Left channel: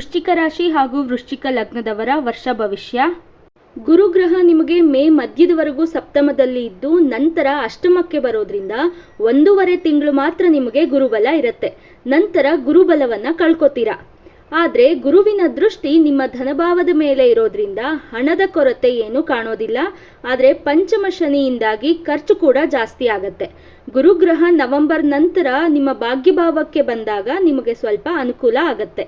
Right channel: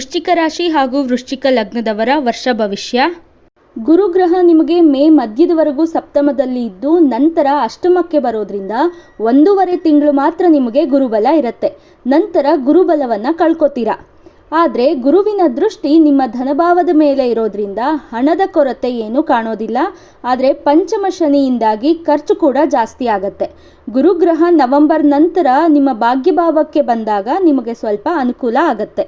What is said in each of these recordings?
ವೃಶ್ಚಿಕ ರಾಶಿ ಹಾಗೂ ವೃಶ್ಚಿಕ ಲಗ್ನದವರ ವರ್ಷ ಭವಿಷ್ಯ. ಗುರುಗ್ರಹ ನಿಮಗೆ ಮೇ ಮಧ್ಯದವರೆಗೂ ಸಪ್ತಮದಲ್ಲಿ ಇದ್ದು, ನಂತರ ಅಷ್ಟಮಕ್ಕೆ ಬರೋದ್ರಿಂದ ಒಂದೂವರೆ ತಿಂಗಳು ಮಾತ್ರ ನಿಮಗೆ ಗುರುಬಲ ಇರುತ್ತೆ. ನಂತರ ಗುರುಬಲವನ್ನು ಕಳ್ಕೊತೀರಾ? ಆದರೆ ಗುರುವಿನ ದೃಷ್ಟಿ ನಿಮ್ಮ ಧನಭಾವದ ಮೇಲೆ ಇರೋದ್ರಿಂದ ಹಣದ ಕೊರತೆ ಏನೂ ಕಾಣೋದಿಲ್ಲ. ಆದರೆ ಪಂಚಮ ಶನಿಯಿಂದಾಗಿ ಖರ್ಚು ಕೂಡ ಜಾಸ್ತಿ ಆಗತ್ತೆ. ಗುರುಗ್ರಹ ನವೆಂಬರ್ ನಂತರ ನಿಮ್ಮ ಭಾಗ್ಯಭಾವಕ್ಕೆ ಬಂದಾಗ ನಿಮಗೆ ಸ್ವಲ್ಪ ಅನುಕೂಲ ಆಗತ್ತೆ.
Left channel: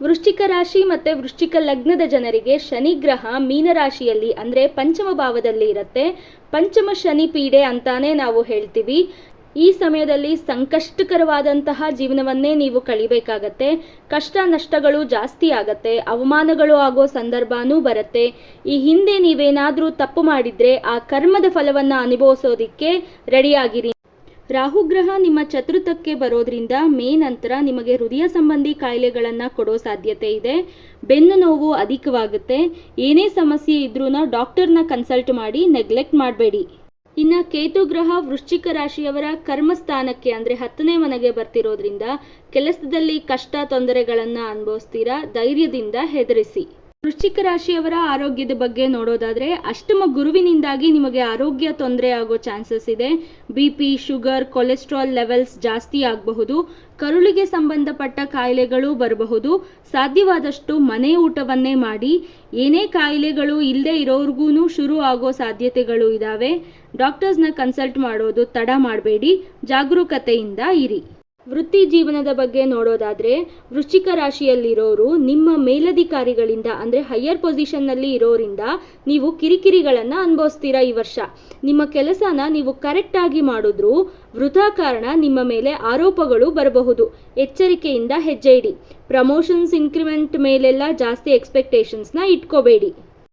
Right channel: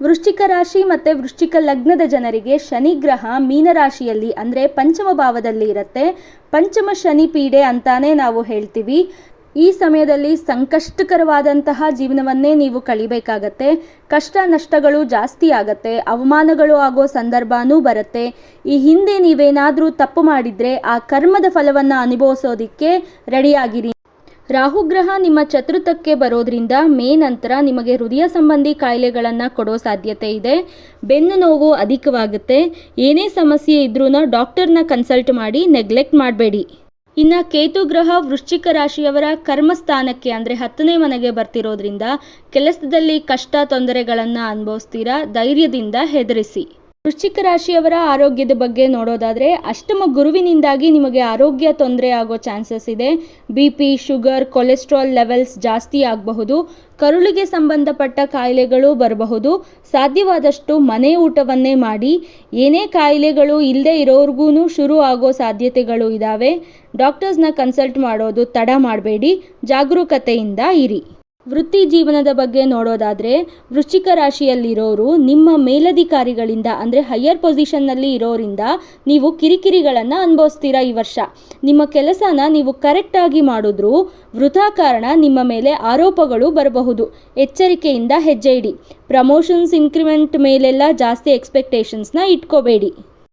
ವೃಶ್ಚಿಕ ರಾಶಿ ಮತ್ತು ವೃಶ್ಚಿಕ ಲಗ್ನದ ಜನರಿಗೆ ಶನಿ ಗ್ರಹ ಮೀನರಾಶಿಯಲ್ಲಿ ಅಂದರೆ ಪಂಚಮ ಭಾವದಲ್ಲಿ ಇರುತ್ತೆ. ಪಂಚಮ ಶನಿ ಪೀಡೆ ಅಂತಾನೆ ನಾವು ಹೇಳ್ತೀವಿ. ಈ ಸಮಯದಲ್ಲಿ ಸಂಕಷ್ಟಕರವಾದಂತಹ ಜೀವನವನ್ನೇ ನೀವು ಕಳಿಬೇಕಾಗತ್ತೆ. ಕಷ್ಟ ನಷ್ಟಗಳು ಜಾಸ್ತಿ ಆಗತ್ತೆ. ಅವಮಾನಗಳು ಆಗೋ ಸಂದರ್ಭನೂ ಬರುತ್ತೆ. ಈ ಹಿಂದೆ ನೀವೇನಾದರೂ ತಪ್ಪು ಮಾಡಿದರೆ ಆ ಕರ್ಮದ ಫಲವನ್ನು ಅನುಭವಿಸೋದಿಕ್ಕೆ ರೆಡಿಯಾಗಿರಿ ರಾಹುಗ್ರಹ ನಿಮ್ಮ ಚತುರ್ಥಕ್ಕೆ ಬರೋದ್ರಿಂದ ಮೇ ನಂತರ ನಿಮಗೆ ಹೃದಯ ಸಂಬಂಧಿ ಕಾಯಿಲೆಗಳನ್ನು ಕೊಡೋ ಸಾಧ್ಯತೆ ಇದೆ. ಬೆನ್ನು ನೋವು ಅಧಿಕವಾಗುತ್ತೆ. ಏನೇ ಸಮಸ್ಯೆ ಇದ್ರೂ ಡಾಕ್ಟರ್ನ ಕನ್ಸಲ್ಟ್ ಮಾಡಿ ನೆಗ್ಲೆಕ್ಟ್ ಮಾಡಬೇಡಿ. ಇನ್ನು ಕೇತು ಗ್ರಹ ವೃಶ್ಚಿಕ ರಾಶಿಯವರ ಕರ್ಮಸ್ಥಾನಕ್ಕೆ ಅಂದರೆ ಹತ್ತನೇ ಮನೆಗೆ ಬರ್ತಿರೋದ್ರಿಂದ ಕೆಲಸದಲ್ಲಿ ಕಷ್ಟ ತೊಂದರೆಗಳನ್ನು ಅನುಭವಿಸ್ತೀರಾ? ಧೈರ್ಯದಿಂದ ಹೆದರಿಸಿ. ವೃಶ್ಚಿಕ ರಾಶಿಯವರ ಆರೋಗ್ಯದ ಬಗ್ಗೆ ನೋಡೋದಾದರೆ ಅಷ್ಟಮ ಗುರುವಿನಿಂದಾಗಿ ನಿಮಗೆ ಆರೋಗ್ಯ ತೊಂದರೆ ಆಗೋ ಚಾನ್ಸಸ್ ಇದೆ. B P, sugar, cholesterol levels ಜಾಸ್ತಿ ಆಗಬಹುದು. ಕರುಳಿಗೆ ಸಂಬಂಧಪಟ್ಟ ಕಾಯಿಲೆಗಳು ಬರಬಹುದು. ಸಾಧ್ಯವಾದಷ್ಟು ಮನೆ ಊಟವನ್ನೇ ಮಾಡಿ. ಏನೇ ಕಾಯಿಲೆಗಳು ಇಲ್ಲದೆ ಇರೋರ್ಗೂ ಶುರು ಆಗೋ ಸಾಧ್ಯತೆಗಳು ಇದ್ದಾವೆ ಡಾಕ್ಟರ್ಸ್ನ ಕನ್ಸಲ್ಟ್ ಮಾಡೋದು ತಡ ಮಾಡಬೇಡಿ. ಜಾಗರೂಕತೆಯಿಂದ ಇರಿ. ವೃತ್ತಿ ಜೀವನದ ಬಗ್ಗೆ ನೋಡೋದಾದರೆ ವೃಶ್ಚಿಕ ರಾಶಿಯಲ್ಲಿರೋರು ನಿಮ್ಮ ಮೇಲಧಿಕಾರಿಗಳಿಂದ, ಅಂದರೆ ಹೈಯರ್ ಪೊಸಿಷನ್ನಲ್ಲಿ ಇರೋರಿಂದ ನೀವು ಕಿರಿಕಿರಿಗಳನ್ನು ಅನುಭವಿಸ್ತೀರಾ ಈ ವರ್ಷ? ನಿಮ್ಮ ಕೆಲಸನ ನೀವು ಕರೆಕ್ಟಾಗಿ ಮಾಡಿದ್ರೂ ವೃಥಾ ಕಾರಣ ನಿಮ್ಮ ಮೇಲೆ ಆರೋಪಗಳು ಬರಬಹುದು. ಎಚ್ಚರಿಕೆಯಿಂದ ಹೆಜ್ಜೆ ಇಡಿ. ಪ್ರಮೋಷನ್ಸ್ ಇನ್ಕ್ರಿಮೆಂಟ್ ಮೇಲೆಲ್ಲ ಜಾಸ್ತಿ ಎಕ್ಸ್ಪೆಕ್ಟೇಷನ್ಸ್ನ ಇಟ್ಕೋಬೇಡಿ.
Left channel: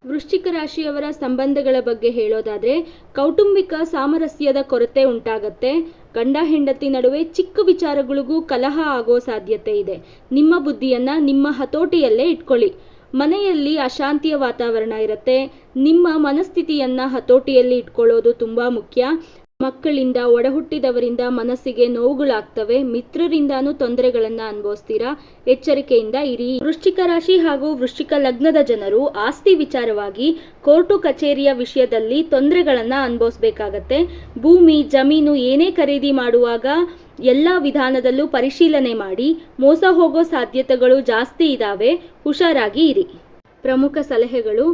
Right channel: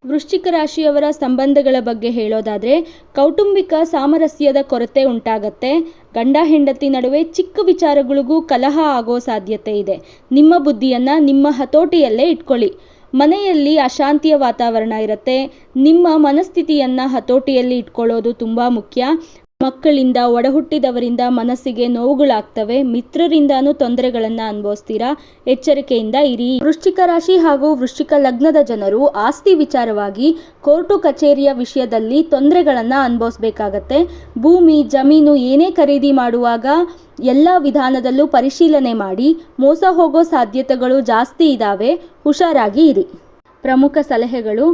ವೃಶ್ಚಿಕ ರಾಶಿಯವರ ಸಂಬಂಧಗಳ ಬಗ್ಗೆ ಹೇಳೋದಾದರೆ ಕೌಟುಂಬಿಕ ಸಾಮರಸ್ಯದ ಕೊರತೆ ಉಂಟಾಗತ್ತೆ. ಗಂಡ ಹೆಂಡತಿ ನಡುವೆ ಚಿಕ್ಕ ವಿಚಾರಗಳಿಗೂ ಕಲಹ ಆಗೋ ಸಾಧ್ಯತೆ ಇದೆ. ನಿಮ್ಮ ಬುದ್ಧಿಯನ್ನು ನಿಮ್ಮ ಹತೋಟಿಯಲ್ಲೇ ಇಟ್ಕೊಳ್ಳಿ. ಮನೆಯಲ್ಲಿ ಅಶಾಂತಿಯ ವಾತಾವರಣ ಇರುತ್ತೆ. ನಿಮ್ಮ ಮನಸ್ಥಿತಿಯನ್ನು ಹತೋಟಿಯಲ್ಲಿ ಇಟ್ಕೊಳ್ಳೋದು ತುಂಬ ಮುಖ್ಯ. ಮಕ್ಕಳಿಂದ ಒಡಹುಟ್ಟಿದವರಿಂದ ಮನಸ್ಸಿಗೆ ನೋವುಗಳಾಗ್ತವೆ. ಮಿತ್ರರಿಂದಾನೂ ತೊಂದರೆಗಳನ್ನು ಅನುಭವಿಸ್ತೀರಾ? ಎಚ್ಚರಿಕೆಯಿಂದ ಇರಿ. ವೃಶ್ಚಿಕ ರಾಶಿ ಹಾಗೂ ವೃಶ್ಚಿಕ ಲಗ್ನದ ಜನರು ಆಸ್ತಿ ವಿಚಾರವಾಗಿ ಕೋರ್ಟು ಕಚೇರಿಯ ವಿಷಯದಲ್ಲಿ ತೊಂದರೆಗಳನ್ನು ಅನುಭವಿಸಬೇಕಾಗತ್ತೆ. ಭೂಮಿ, ಜಮೀನು ಏನೇ ಖರೀದಿ ಮಾಡುವಾಗ ಎಲ್ಲ ವಿಧಾನದಲ್ಲೂ ಪರಿಶೀಲನೆ ಮಾಡಿ. ಮೋಸ ಹೋಗೋ ಸಾಧ್ಯತೆಗಳು ಜಾಸ್ತಿ ಇದ್ದಾವೆ ಹುಷಾರಾಗಿ ಇರಿ. ಪ್ರಮುಖ ಸಲಹೆಗಳು.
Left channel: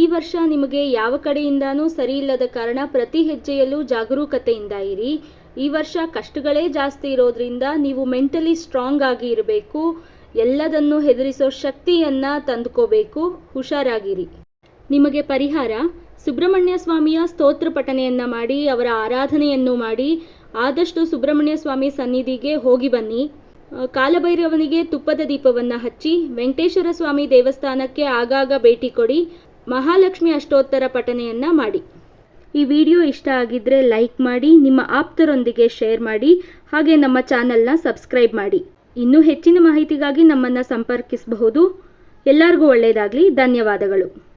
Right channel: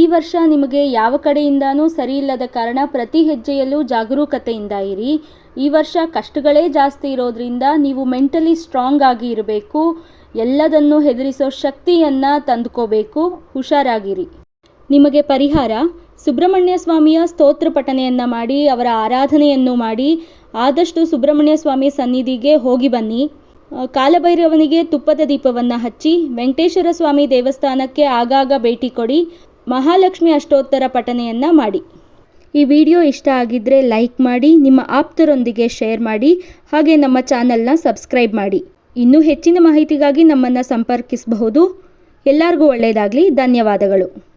ಈ ವರ್ಷ ನಿಮಗೆ ಯಾವ ಕಡೆಯಿಂದನೂ ಸರಿಯಿಲ್ಲದ ಕಾರಣ ಪ್ರತಿ ಹೆಜ್ಜೆಯಲ್ಲೂ ಜಾಗರೂಕತೆಯಿಂದ ಇರಿ. ಈ ವರ್ಷ ಕಷ್ಟಗಳೇ ಜಾಸ್ತಿ ಇರೋದ್ರಿಂದ ನೀವು ಮೆಂಟಲಿ ಸ್ಟ್ರಾಂಗ್ ಆಗಿ ಇರಬೇಕು. ಎಲ್ಲದನ್ನು ಹೆದರಿಸೋ ಶಕ್ತಿಯನ್ನು ತಂದುಕೋಬೇಕು. ಹುಷಾರಾಗಿರಿ. ನಿಮಗೆ ಪರಿಹಾರ. ಸುಬ್ರಹ್ಮಣ್ಯ ಸ್ವಾಮಿಯ ಸ್ತೋತ್ರ ಪಠನೆಯನ್ನು ಮಾಡಿ, ಅವರ ಆರಾಧನೆಯನ್ನು ಮಾಡಿ, ಆದಷ್ಟು ಸುಬ್ರಹ್ಮಣ್ಯ ಸ್ವಾಮಿ ಸನ್ನಿಧಿಗೆ ಹೋಗಿ ಬನ್ನಿ. ಕಾಲಭೈರವನಿಗೆ ತುಪ್ಪದ ದೀಪವನ್ನು ಹಚ್ಚಿ ವೆಂಕಟೇಶ್ವರ ಸ್ವಾಮಿ ದೇವಸ್ಥಾನಕ್ಕೆ ಆಗಾಗ ಭೇಟಿ ಕೊಡಿ, ಮಹಾಲಕ್ಷ್ಮಿ ಅಷ್ಟೋತ್ತರ ಪಠನೆಯನ್ನು ಮಾಡಿ. ಈ ವಿಡಿಯೋ ಇಷ್ಟ ಆಗಿದ್ದರೆ ಲೈಕ್ ಮಾಡಿ, ನಿಮ್ಮ ಆಪ್ತರೊಂದಿಗೆ ಶೇರ್ ಮಾಡಿ, ಹಾಗೆ ನಮ್ಮ ಚಾನಲ್ನ ಸಬ್ಸ್ಕ್ರೈಬ್ ಮಾಡಿ. ಇನ್ನೂ ಹೆಚ್ಚಿನ ಮಾಹಿತಿಗಾಗಿ ನಮ್ಮನ್ನು ಸಂಪರ್ಕಿಸಬಹುದು. ಎಲ್ಲರಿಗೂ ಒಳ್ಳೆಯದಾಗಲಿ ಧನ್ಯವಾದಗಳು.